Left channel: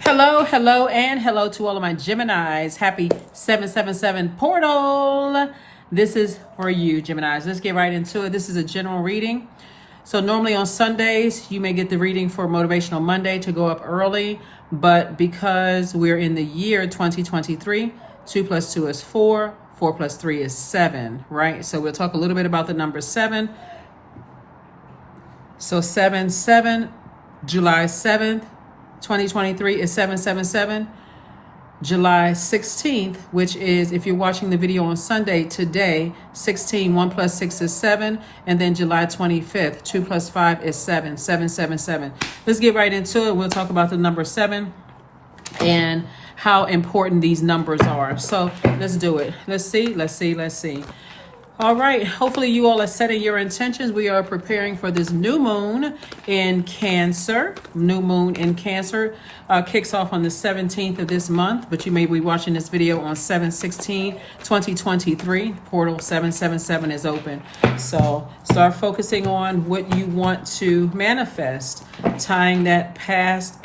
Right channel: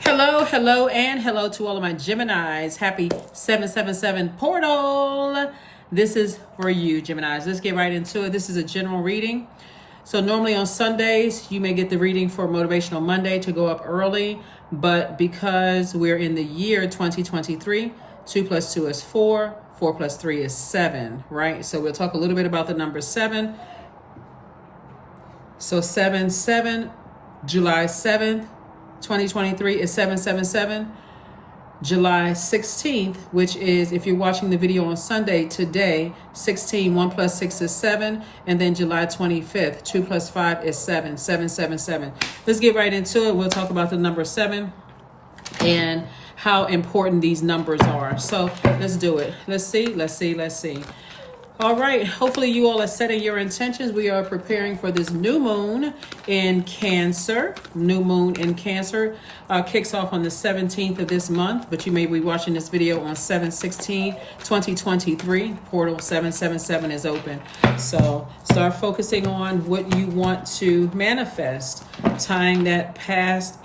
Hello, hello, and hello to all of my Geminis. Happy 777 portal. This is for you, Geminis. Let's get right into it. This is a general reading. So normally on Sundays, you may get the reading for Motivational Monday to go up early. But because we're in the year 2023, 2 plus 2 is 4. 4 plus 3 is 7, right? So we'll talk a little bit about the number 7. So 7-7, July 7th. 2023 is 777. July 16th, which is, if you're watching the video on Sunday, today, 16, 1 plus 6 is 7. And then July 25th, 2 plus 5 is 7, 777. Let's get right into it. We'll talk about the number 7 and how important these numbers are. So let's do it. Let's see. All right, hopefully you all are setting your intentions. We are preparing for this new moon in Cancer. New moon in Cancer kicks off on the 17th of this month, but you may be watching this video on 7/16/2023. Portal 777 is open. So start focusing on what you want to manifest, tying that past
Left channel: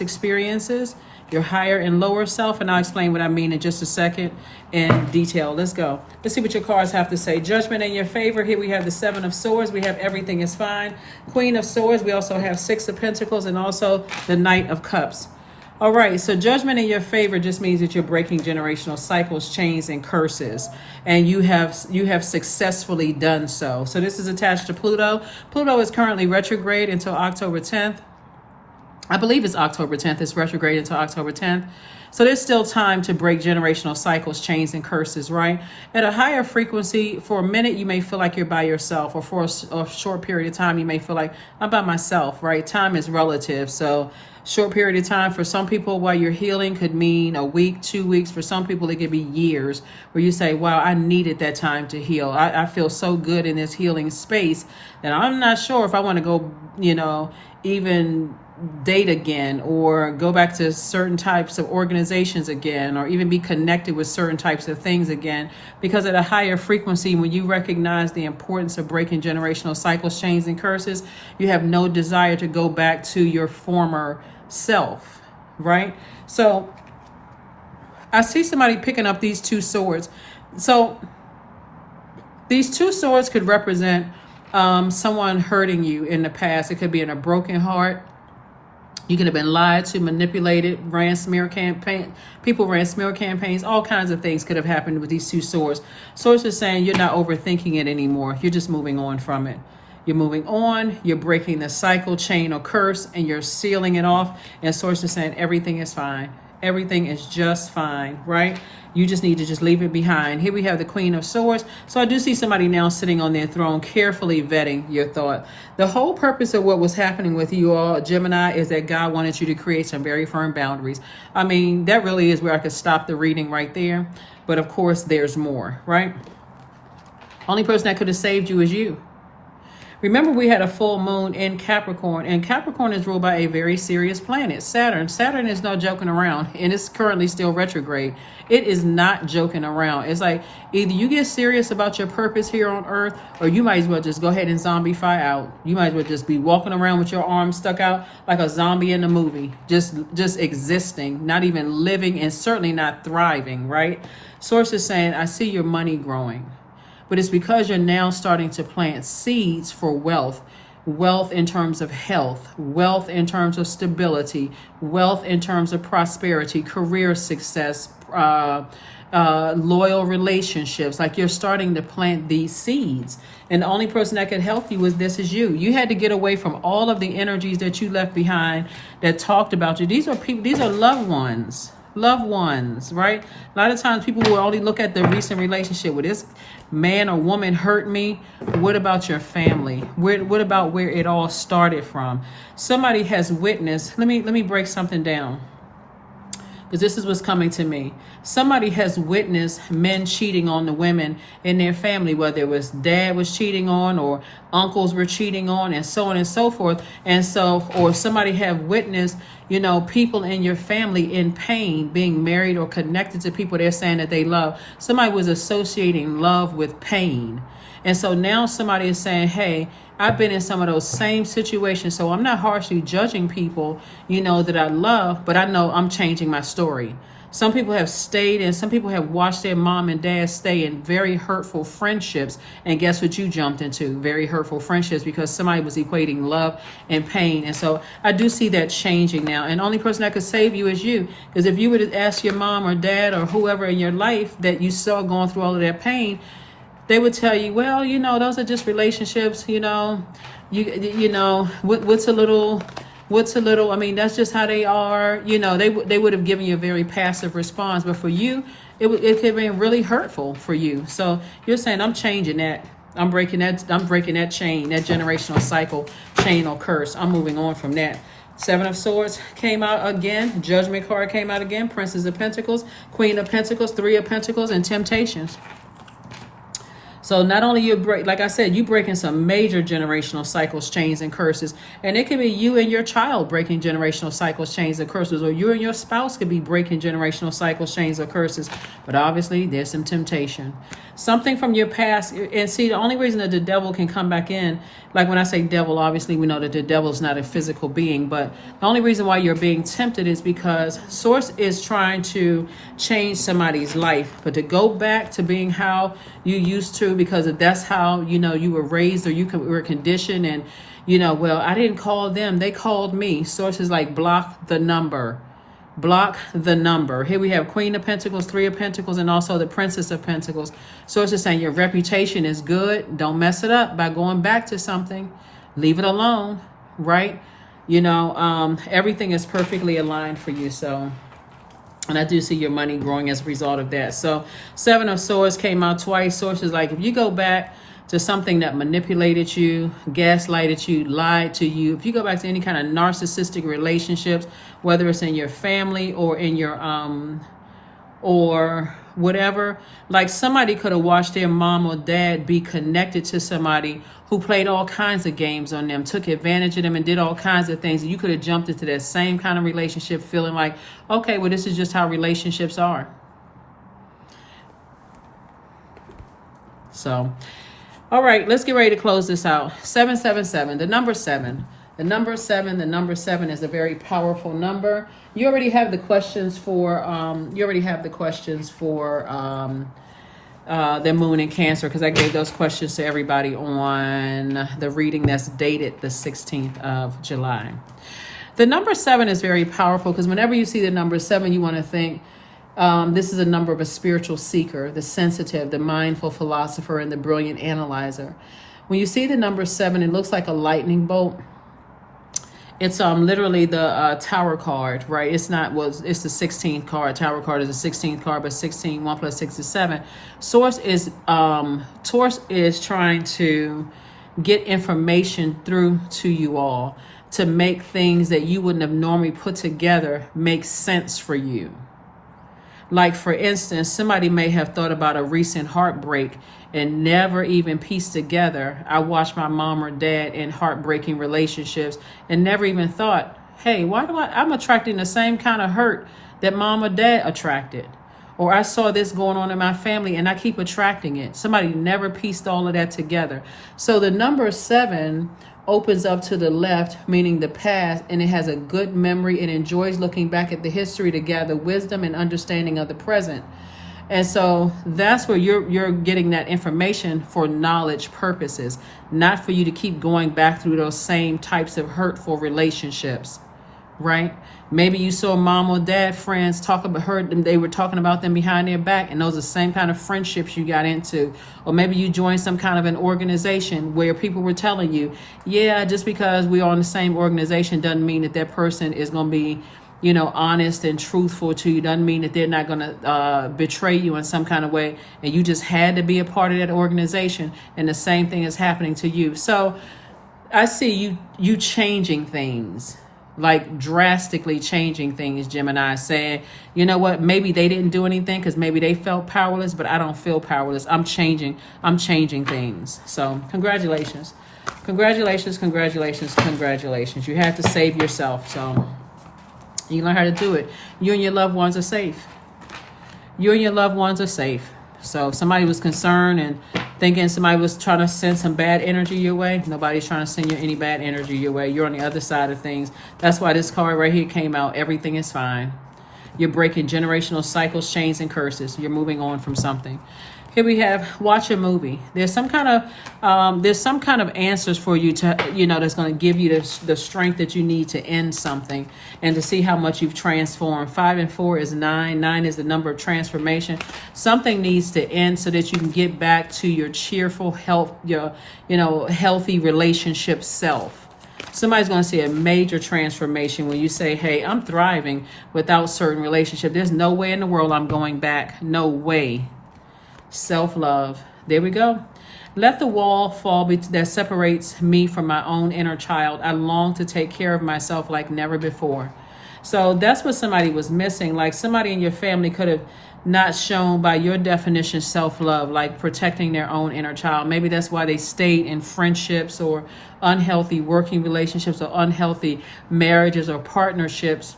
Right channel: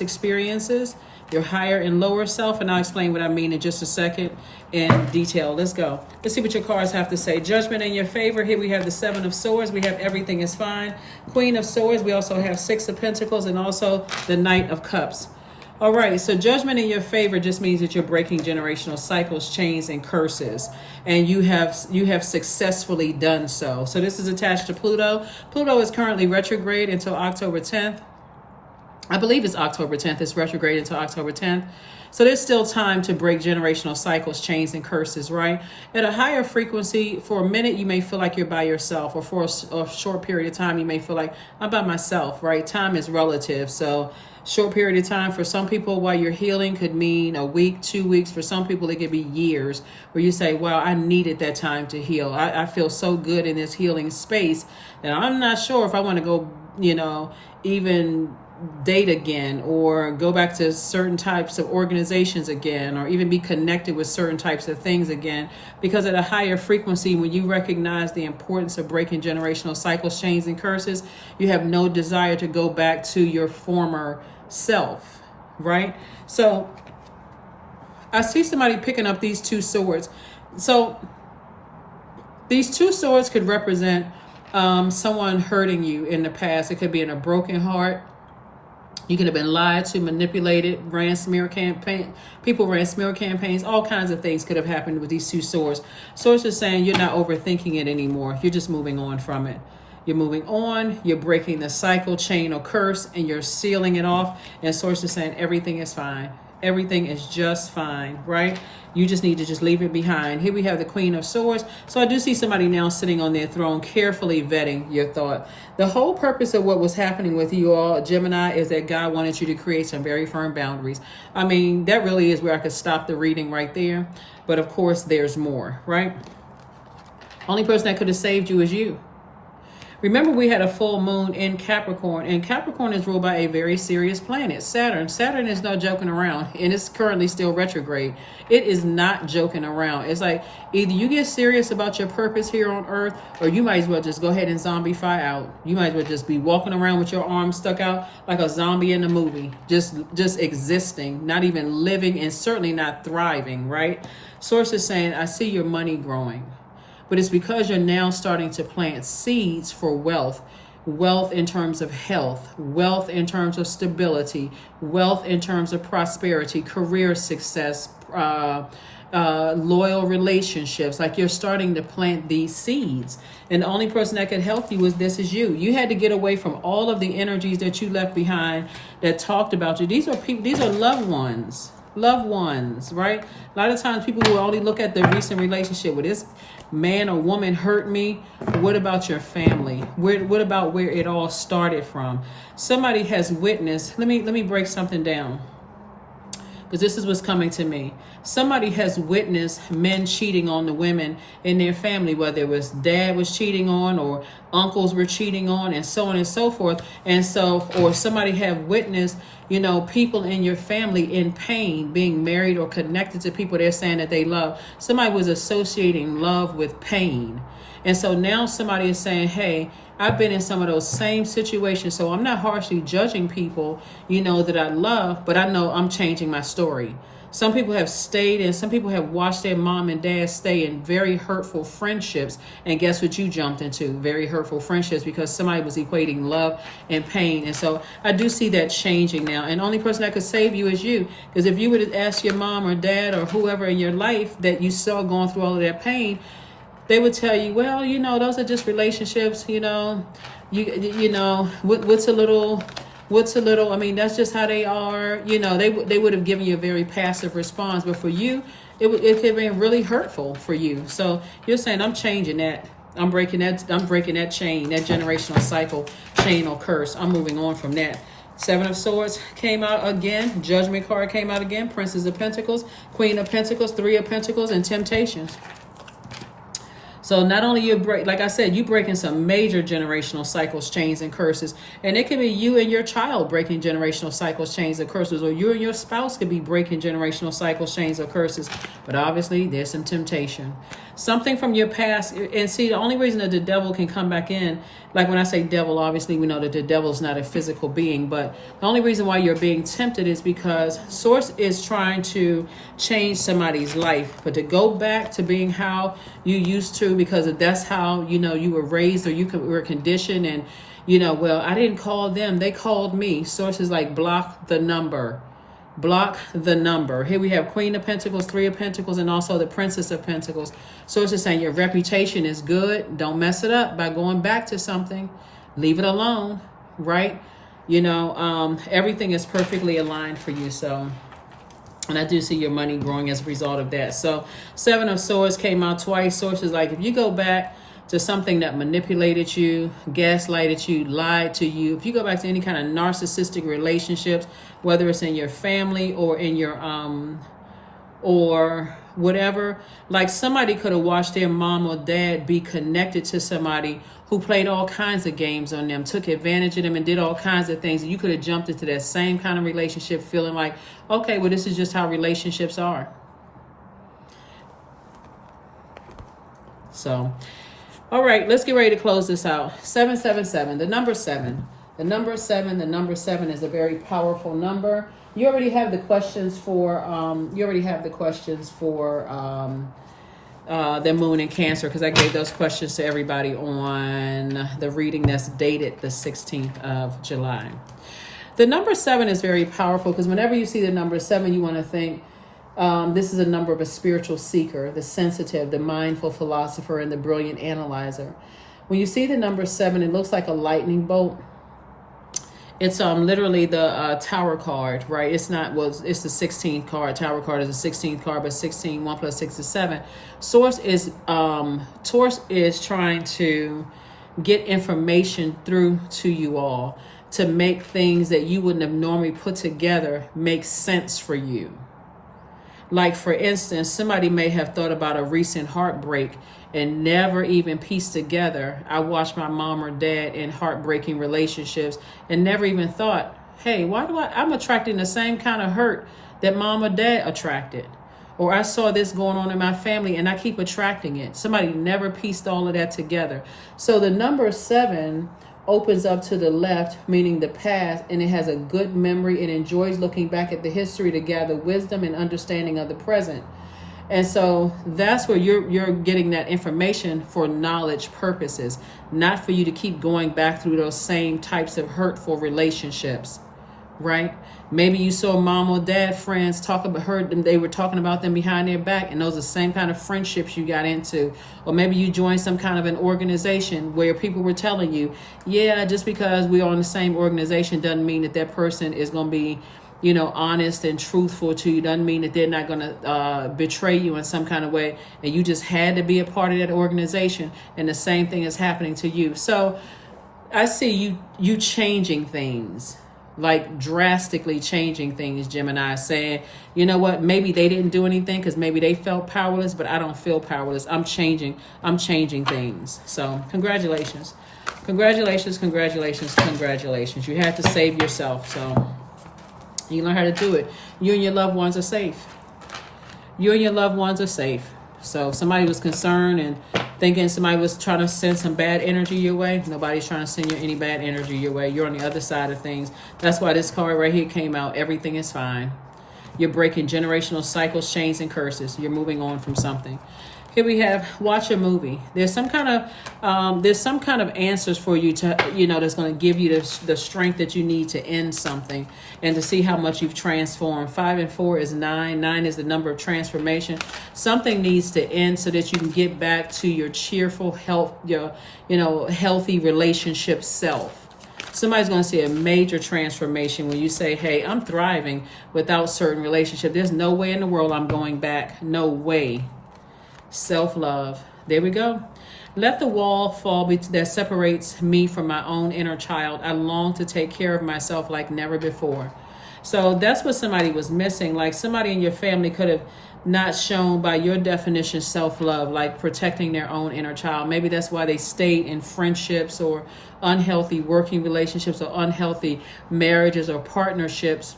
experiences, your higher and lower self, and I'll explain what I mean in just a second in detail. Let's go. Let's see what your cards have to say. Judgment in your favor. Here we have the 7 of Swords. We have everything is fine. Queen of Swords. We also have 6 of Pentacles and also the Knight of Cups. All right, so judgment in your favor just means that you're breaking generational cycles, chains, and curses, and you have successfully done so. So this is attached to Pluto. Pluto is currently retrograde until October 10th. I believe it's October 10th. It's retrograde until October 10th. So there's still time to break generational cycles, chains, and curses, right? At a higher frequency, for a minute, you may feel like you're by yourself, or for a short period of time, you may feel like I'm by myself, right? Time is relative. So short period of time for some people while you're healing could mean a week, 2 weeks. For some people, it could be years where you say, wow, I needed that time to heal. I feel so good in this healing space. And I'm not sure if I want to go, even date again, or go back to certain types of organizations again, or even be connected with certain types of things again, because at a higher frequency, when you recognize the importance of breaking generational cycles, chains, and curses, you have no desire to go back to your former self, right? So I see somebody picking up these 2 swords. So these 2 swords could represent someone hurting you in the past. It could be in a broken heart. You could have been lied to, manipulated, ran smear campaign. People ran smear campaigns. All kinds of things could have happened with these 2 swords. Swords are saying you're not overthinking it anymore. You're just moving on from it. You're moving on. You're breaking the cycle, chain, or curse, and you're sealing it off. And Swords are saying everything is fine. Everything is just fine, right? You just need to just leave it behind. Here we have the Queen of Swords. So I do see somebody now sitting on their throne, carefully vetting your thought. The whole purpose of what was happening with you all, Gemini, is that God wanted you to create some very firm boundaries. I mean, that really is where I could stop the reading right there. But of course, there's more, right? Only person that could have saved you is you. Remember, we had a full moon in Capricorn, and Capricorn is ruled by a very serious planet, Saturn. Saturn is no joking around, and it's currently still retrograde. It is not joking around. It's like either you get serious about your purpose here on Earth, or you might as well just go ahead and zombify out. You might as well just be walking around with your arms stuck out like a zombie in a movie, just existing, not even living, and certainly not thriving, right? Source is saying, I see your money growing. But it's because you're now starting to plant seeds for wealth. Wealth in terms of health, wealth in terms of stability, wealth in terms of prosperity, career success, loyal relationships. Like you're starting to plant these seeds. And the only person that can help you is you. You had to get away from all of the energies that you left behind that talked about you. These are people, these are loved ones. Loved ones, right? A lot of times people will only look at the recent relationship. With this man or woman hurt me. What about your family? What about where it all started from? Somebody has witnessed. Let me break something down, because this is what's coming to me. somebody has witnessed men cheating on the women in their family, whether it was dad was cheating on or uncles were cheating on and so on and so forth. And so, or somebody have witnessed, people in your family in pain, being married or connected to people they're saying that they love. Somebody was associating love with pain. And so now somebody is saying, hey, I've been in some of those same situations, so I'm not harshly judging people, that I love, but I know I'm changing my story. Some people have stayed and some people have watched their mom and dad stay in very hurtful friendships. And guess what you jumped into? Very hurtful friendships, because somebody was equating love and pain. And so I do see that changing now. And the only person that could save you is you. Because if you would have asked your mom or dad or whoever in your life that you saw going through all of that pain, they would tell you, well, those are just relationships, what's a little, I mean, that's just how they are. They would have given you a very passive response. But for you, it could have been really hurtful for you. So you're saying, I'm changing that. I'm breaking that chain, that generational cycle, chain or curse. I'm moving on from that. Seven of Swords came out again. Judgment card came out again. Princess of Pentacles, Queen of Pentacles, Three of Pentacles, and Temptations. So not only you breaking some major generational cycles, chains, and curses. And it could be you and your child breaking generational cycles, chains, and curses. Or you and your spouse could be breaking generational cycles, chains, or curses. But obviously, there's some temptation. Something from your past. And see, the only reason that the devil can come back in, like when I say devil, obviously we know that the devil is not a physical being. But the only reason why you're being tempted is because Source is trying to change somebody's life. But to go back to being how you used to, because that's how, you were raised or you were conditioned. And, well, I didn't call them. They called me. Source is like, block the number. Block the number. Here we have Queen of Pentacles, Three of Pentacles, and also the Princess of Pentacles. Source is saying your reputation is good. Don't mess it up by going back to something. Leave it alone, right? Everything is perfectly aligned for you. So, and I do see your money growing as a result of that. So Seven of Swords came out twice. Source is like, if you go back to something that manipulated you, gaslighted you, lied to you, if you go back to any kind of narcissistic relationships, whether it's in your family or in your or whatever, like somebody could have watched their mom or dad be connected to somebody who played all kinds of games on them, took advantage of them, and did all kinds of things. And you could have jumped into that same kind of relationship feeling like, okay, well, this is just how relationships are. So, all right, let's get ready to close this out. 777, the number 7. The number 7 is a very powerful number. You already have the questions for the moon in Cancer, because I gave those questions to everybody on the reading that's dated the 16th of July. The number 7 is very powerful because whenever you see the number 7, you want to think this is a number of a spiritual seeker, the sensitive, the mindful philosopher, and the brilliant analyzer. When you see the number 7, it looks like a lightning bolt. It's literally the Tower card, right? It's not, well, it's the 16th card. Tower card is the 16th card, but 16, 1 plus 6 is 7. Source is trying to get information through to you all to make things that you wouldn't have normally put together make sense for you. Like, for instance, somebody may have thought about a recent heartbreak and never even pieced together, I watched my mom or dad in heartbreaking relationships and never even thought, hey, why do I'm attracting the same kind of hurt that mom or dad attracted? Or I saw this going on in my family and I keep attracting it. Somebody never pieced all of that together. So the number 7 opens up to the left, meaning the past, and it has a good memory. It enjoys looking back at the history to gather wisdom and understanding of the present. And so that's where you're getting that information for knowledge purposes, not for you to keep going back through those same types of hurtful relationships, right? Maybe you saw mom or dad friends heard them, they were talking about them behind their back, and those are the same kind of friendships you got into. Or maybe you joined some kind of an organization where people were telling you, yeah, just because we're on the same organization doesn't mean that person is going to be, honest and truthful to you. Doesn't mean that they're not going to betray you in some kind of way. And you just had to be a part of that organization. And the same thing is happening to you. So I see you changing things, like drastically changing things, Gemini, saying, you know what, maybe they didn't do anything because maybe they felt powerless, but I don't feel powerless. I'm changing things. So congratulations. Congratulations, congratulations, congratulations. You have to save yourself. So you learn how to do it. You and your loved ones are safe. You and your loved ones are safe. So if somebody was concerned and thinking somebody was trying to send some bad energy your way, nobody's trying to send you any bad energy your way. You're on the other side of things. That's why this card right here came out. Everything is fine. You're breaking generational cycles, chains, and curses. You're moving on from something. Here we have watch a movie. There's some kind of answers for you to, that's going to give you the strength that you need to end something and to see how much you've transformed. 5 and 4 is 9. 9 is the number of transformation. Something needs to end so that you can get back to your cheerful, healthy relationship self. Somebody's going to see a major transformation when you say, hey, I'm thriving without certain relationship. There's no way in the world I'm going back. No way. Self-love. There we go. Let the wall fall that separates me from my own inner child. I long to take care of myself like never before. So that's what somebody was missing. Like somebody in your family could have not shown by your definition self-love, like protecting their own inner child. Maybe that's why they stayed in friendships or unhealthy working relationships or unhealthy marriages or partnerships.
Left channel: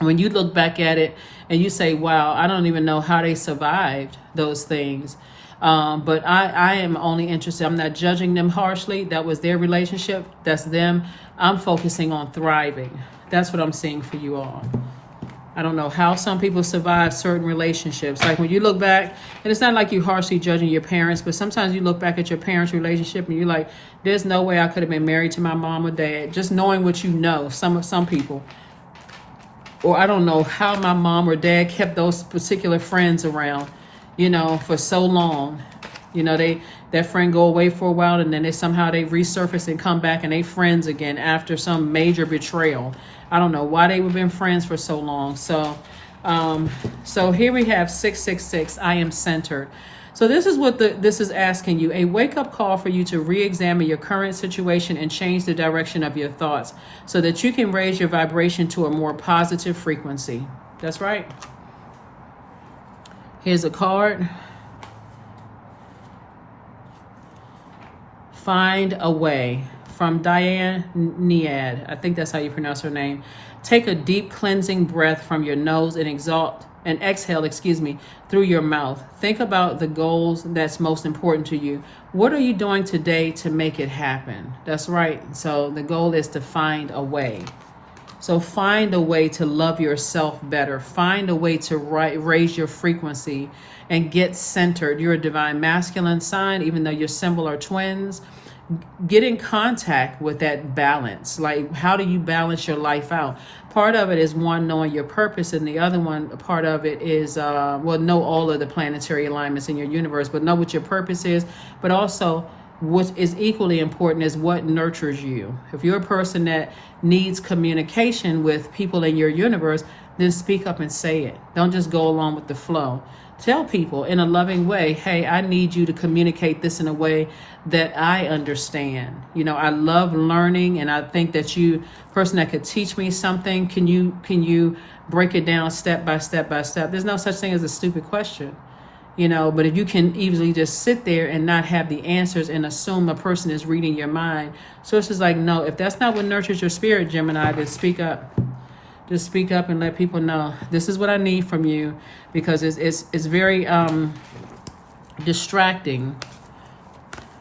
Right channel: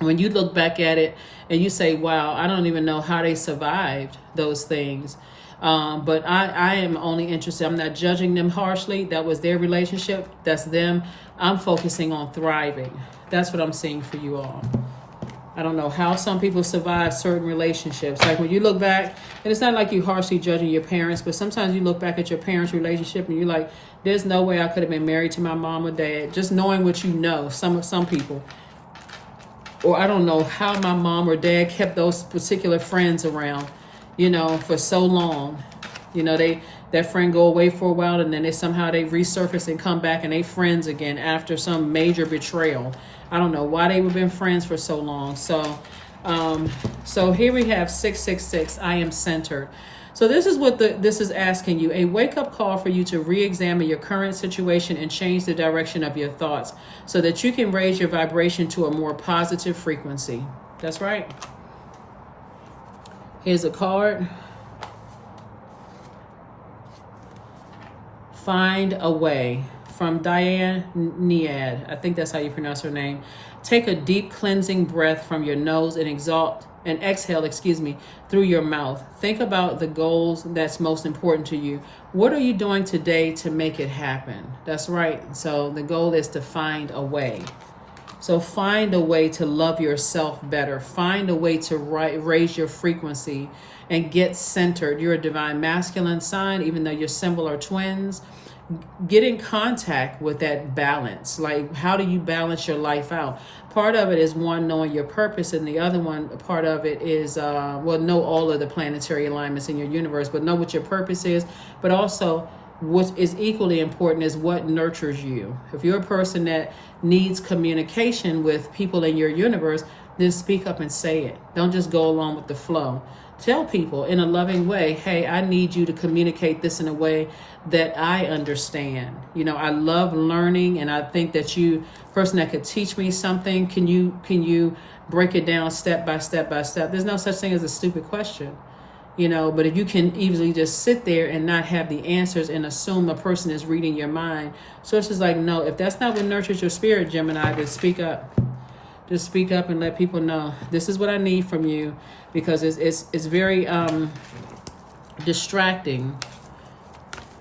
When you look back at it and you say, wow, I don't even know how they survived those things. But I am only interested. I'm not judging them harshly. That was their relationship. That's them. I'm focusing on thriving. That's what I'm seeing for you all. I don't know how some people survive certain relationships. Like when you look back, and it's not like you harshly judging your parents, but sometimes you look back at your parents' relationship and you're like, there's no way I could have been married to my mom or dad. Just knowing what you know, some people. Or I don't know how my mom or dad kept those particular friends around, for so long. That friend go away for a while and then they resurface and come back and they friends again after some major betrayal. I don't know why they've been friends for so long. So here we have 666. I am centered. So this is what this is asking you, a wake-up call for you to re-examine your current situation and change the direction of your thoughts so that you can raise your vibration to a more positive frequency. That's right. Here's a card. Find a way. From Diane Niad. I think that's how you pronounce her name. Take a deep cleansing breath from your nose and exhale, through your mouth. Think about the goals that's most important to you. What are you doing today to make it happen? That's right. So the goal is to find a way. So find a way to love yourself better. Find a way to raise your frequency and get centered. You're a divine masculine sign, even though your symbol are twins. Get in contact with that balance. Like, how do you balance your life out? Part of it is one, knowing your purpose, and the other one, part of it is, know all of the planetary alignments in your universe, but know what your purpose is, but also what is equally important is what nurtures you. If you're a person that needs communication with people in your universe, then speak up and say it. Don't just go along with the flow. Tell people in a loving way, hey, I need you to communicate this in a way that I understand. I love learning, and I think that you, person that could teach me something, can you break it down step by step by step? There's no such thing as a stupid question, but if you can easily just sit there and not have the answers and assume a person is reading your mind. So it's just like, no, if that's not what nurtures your spirit, Gemini, then speak up. Just speak up and let people know this is what I need from you, because it's very distracting,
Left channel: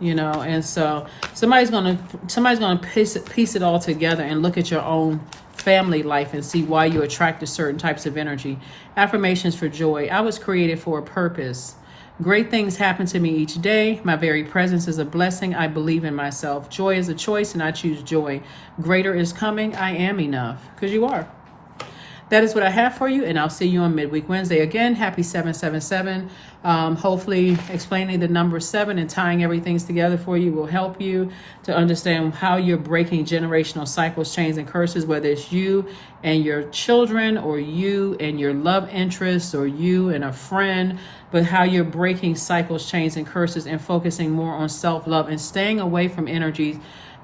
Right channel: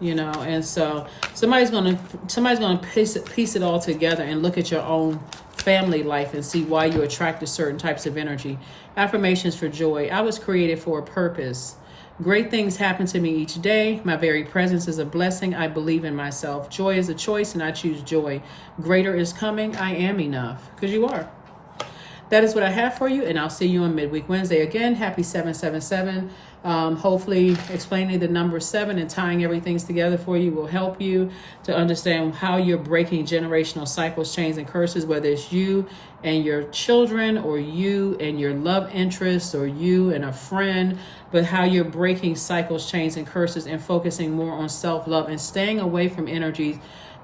and so somebody's gonna piece it all together and look at your own family life and see why you attract to certain types of energy. Affirmations for joy. I was created for a purpose. Great things happen to me each day. My very presence is a blessing. I believe in myself. Joy is a choice, and I choose joy. Greater is coming. I am enough, because you are. That is what I have for you, and I'll see you on Midweek Wednesday. Again, happy 777. Hopefully explaining the number 7 and tying everything together for you will help you to understand how you're breaking generational cycles, chains, and curses, whether it's you and your children, or you and your love interest, or you and a friend, but how you're breaking cycles, chains, and curses and focusing more on self-love and staying away from energies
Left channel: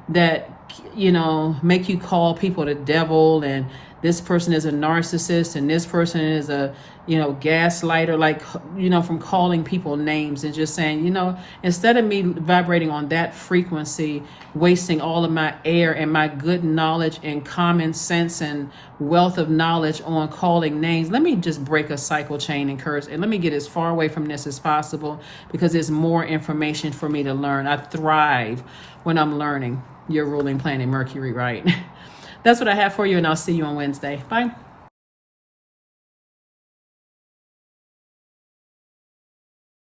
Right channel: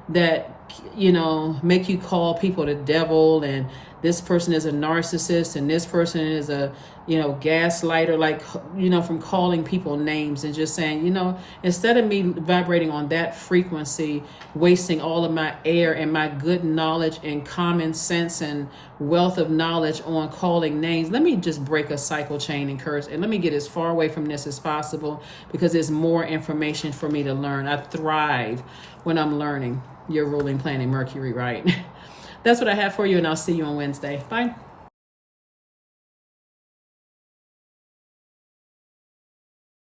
that, you know, make you call people the devil, and this person is a narcissist, and this person is a, you know, gaslighter, like, you know, from calling people names and just saying, you know, instead of me vibrating on that frequency, wasting all of my air and my good knowledge and common sense and wealth of knowledge on calling names, let me just break a cycle chain and curse, and let me get as far away from this as possible, because there's more information for me to learn. I thrive when I'm learning. Your ruling planet, Mercury, right? That's what I have for you, and I'll see you on Wednesday. Bye.